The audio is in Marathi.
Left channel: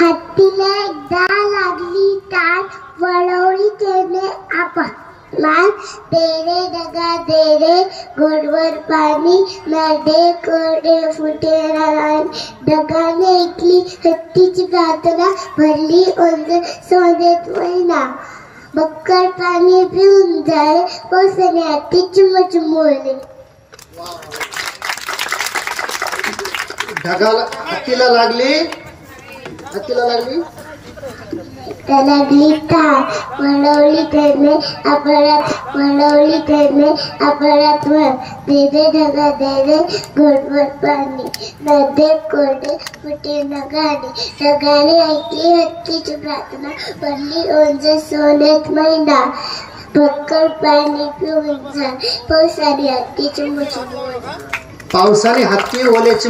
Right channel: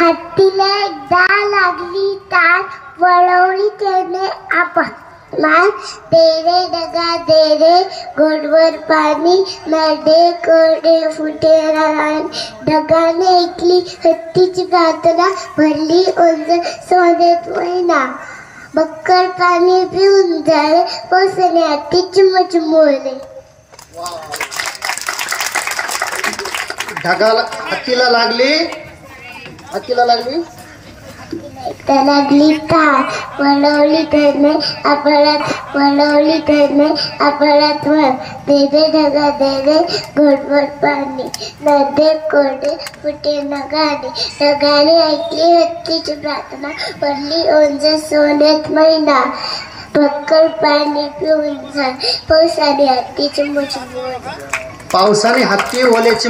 हत्तीला एकदा लागली तार, वळवली त्याने मान, दे रे डगा दे रे गोडवर पाणी, नरडे कोरडे फुटे रान. डगाने ऐकली हत्तीची प्रार्थना, भरली ओंज सोन्यात महिना. बक्कळ पाणी पिऊन झाले, पावसाने हत्ती चिमचिमोले. हत्तीला लागली लागली तार, वळवली त्याने आभाळात वर. दे रे ढगा दे रे घोटभर पाणी, नदे कोरडे फुटे नगाने. ढगाने ऐकली हत्तीची प्रार्थना, भरली ओंज सोन्यात महिना. बक्कळ पाणी पिऊन झाले, पावसाने हत्ती चिमचिमोले. पावसाने हत्ती ओल्याची